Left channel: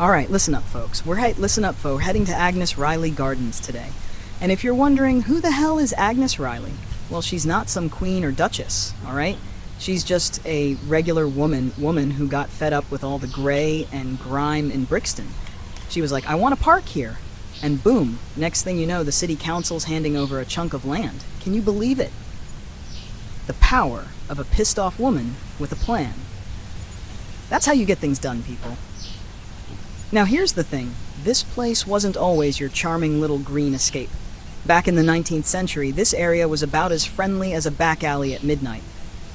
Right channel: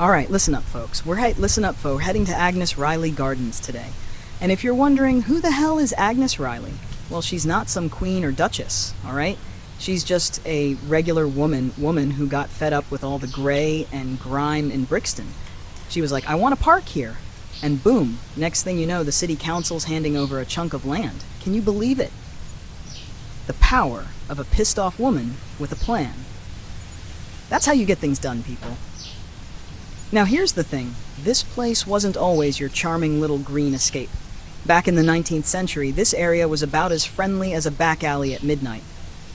Alright, listen up, folks. Listen up, folks. Heading to Agnes Riley Gardens today. And if you're wondering, who the hell is Agnes Riley? Well, she's not some queen or duchess, alright? She's just a regular woman who got fed up with all the gray and grime in Brixton. She was like, I want a park here. And boom, next thing you know, the city council's handing over a chunk of land. Can you believe it? The power of a pissed-off woman with a plan. That's how you get things done, people. Now here's the thing, this place wasn't always your charming little green escape. Back in the 19th century, this area was about as friendly as a back alley at midnight.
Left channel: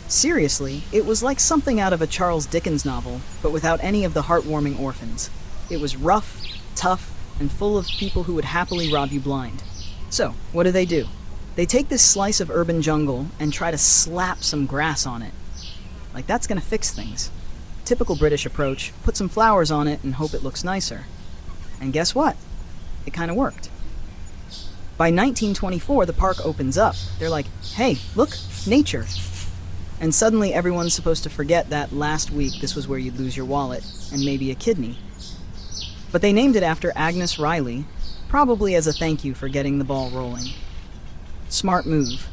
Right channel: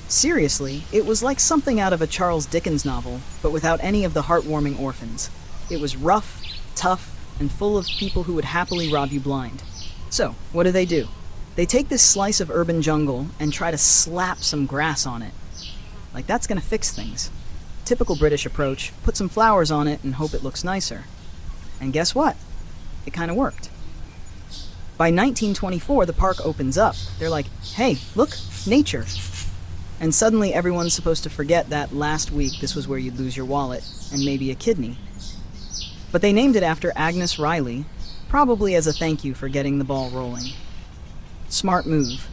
Seriously, it was like something out of a Charles Dickens novel, but without any of the heartwarming orphans. It was rough, tough, and full of people who would happily rob you blind. So, what do? They take this slice of urban jungle and try to slap some grass on it. Like that's gonna fix things. Typical British approach, put some flowers on it and hope it looks nicer. And guess what? It kind of worked. By 1924, the park opens up. They're like, hey, look, nature. And suddenly everyone's supposed to forget that last week this was where you'd lose your wallet and maybe a kidney. But they named it after Agnes Riley, probably as a thank you for getting the ball rolling. Smart move.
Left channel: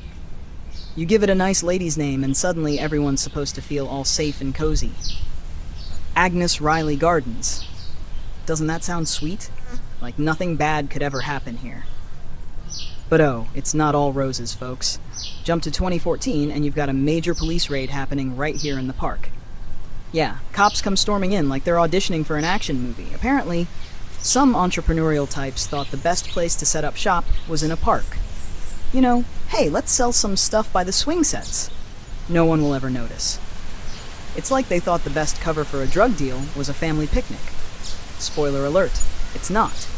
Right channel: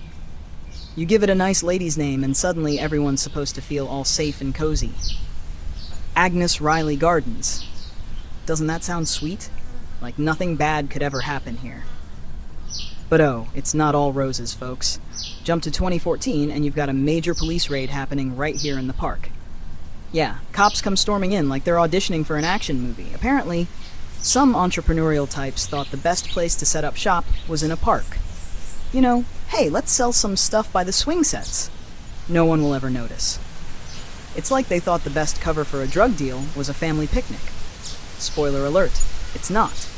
You give it a nice lady's name and suddenly everyone's supposed to feel all safe and cozy. Agnes Riley Gardens. Doesn't that sound sweet? Like nothing bad could ever happen here. But oh, it's not all roses, folks. Jump to 2014 and you've got a major police raid happening right here in the park. Yeah, cops come storming in like they're auditioning for an action movie. Apparently, some entrepreneurial types thought the best place to set up shop was in a park. You know, hey, let's sell some stuff by the swing sets. No one will ever notice. It's like they thought the best cover for a drug deal was a family picnic. Spoiler alert, it's not.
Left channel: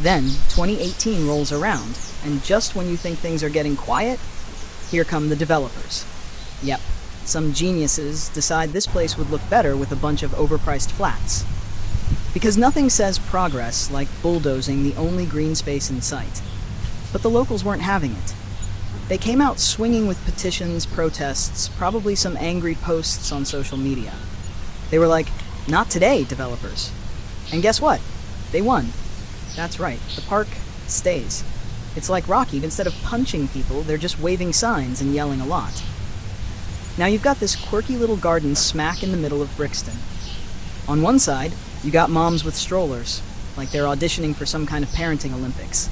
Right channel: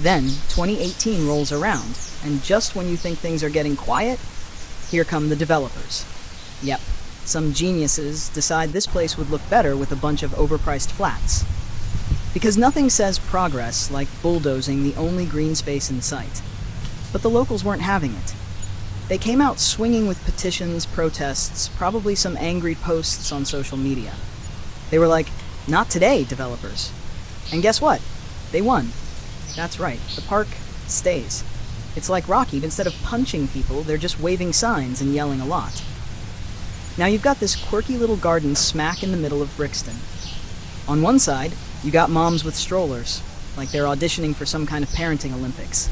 Then, 2018 rolls around, and just when you think things are getting quiet, here come the developers. Yep, some geniuses decide this place would look better with a bunch of overpriced flats. Because nothing says progress like bulldozing the only green space in sight. But the locals weren't having it. They came out swinging with petitions, protests, probably some angry posts on social media. They were like, not today, developers. And guess what? They won. That's right, the park stays. It's like Rocky, instead of punching people, they're just waving signs and yelling a lot. Now you've got this quirky little garden smack in the middle of Brixton. On one side, you got moms with strollers, like they're auditioning for some kind of parenting Olympics.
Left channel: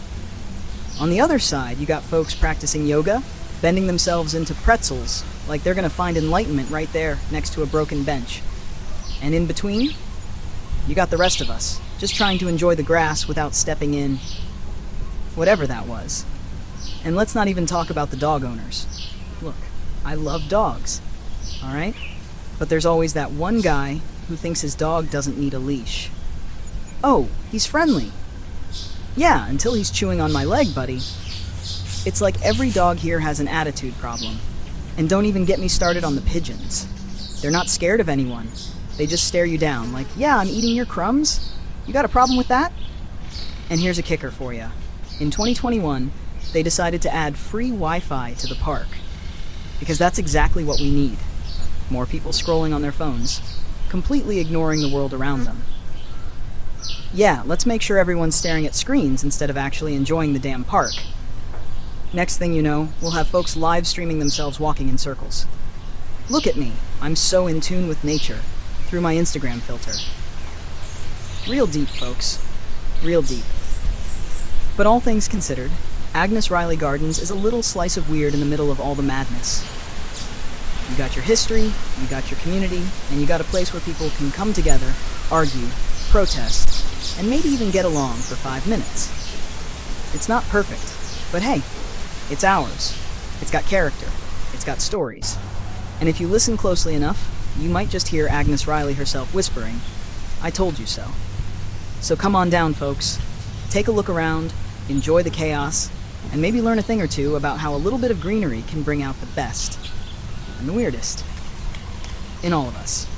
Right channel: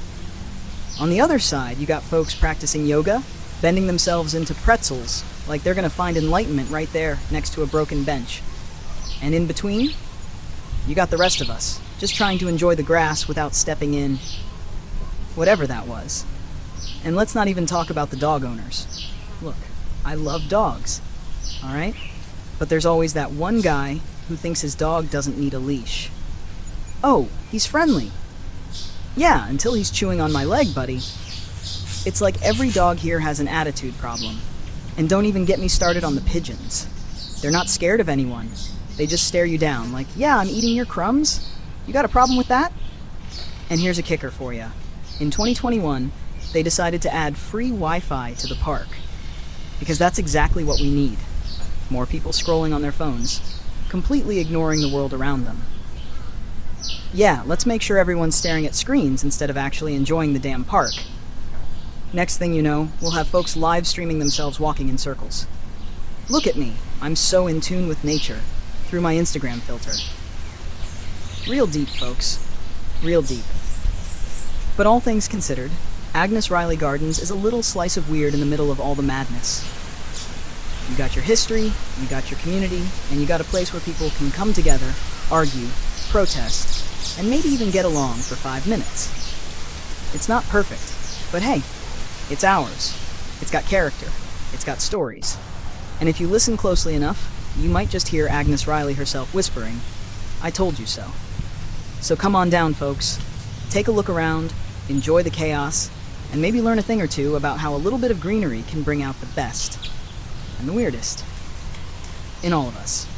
On the other side, you got folks practicing yoga, bending themselves into pretzels, like they're gonna find enlightenment right there next to a broken bench. And in between, you got the rest of us, just trying to enjoy the grass without stepping in whatever that was. And let's not even talk about the dog owners. Look, I love dogs, alright? But there's always that one guy who thinks his dog doesn't need a leash. Oh, he's friendly. Yeah, until he's chewing on my leg, buddy. It's like every dog here has an attitude problem. And don't even get me started on the pigeons. They're not scared of anyone. They just stare you down like, yeah, I'm eating your crumbs? You got a problem with that? And here's a kicker for you. In 2021, they decided to add free Wi-Fi to the park. Because that's exactly what we need. More people scrolling on their phones, completely ignoring the world around them. Yeah, let's make sure everyone's staring at screens instead of actually enjoying the damn park. Next thing you know, we'll have folks live streaming themselves walking in circles. Look at me, I'm so in tune with nature, through my Instagram filter. Real deep, folks. Real deep. But all things considered, Agnes Riley Gardens is a little slice of weird in the middle of all the madness. You got your history, you got your community, and you got a place where people can come together, argue, protest, and maybe even get along for 5 minutes. It's not perfect, but hey, it's ours. It's got character. It's got stories. And if you listen closely enough, you might just hear Agnes Riley herself whispering, I told you so. So come on down, folks. Take a look around, enjoy the chaos, and maybe learn a thing or two about how a little bit of greenery can bring out the best and the weirdest in all of us.